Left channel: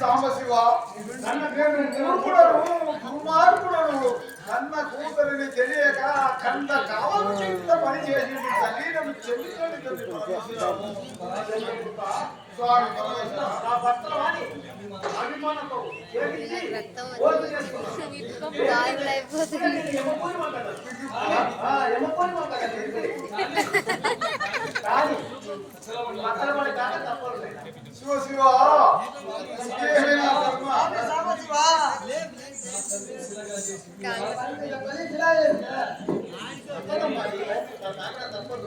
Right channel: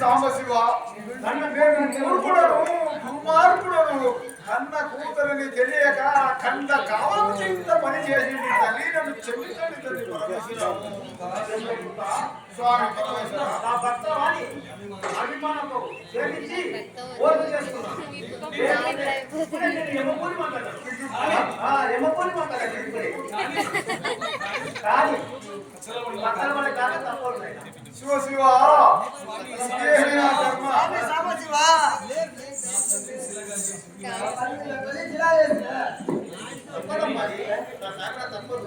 సాంబశివ నేను దుర్మార్గుడను కన్న కూతురిని తెలియక కంద కావాల్సింత పని చేసి తల్లి నన్ను చెల్లించండి తల్లి స్వామి నా భర్త అభిమానంతో చేయించి ఓటు చేసుకున్నాను ఎమ్మపోని మాట్లాడాలి కానీ బట్టలు పడే దాకా తప్పదు శివ శివ తప్పదు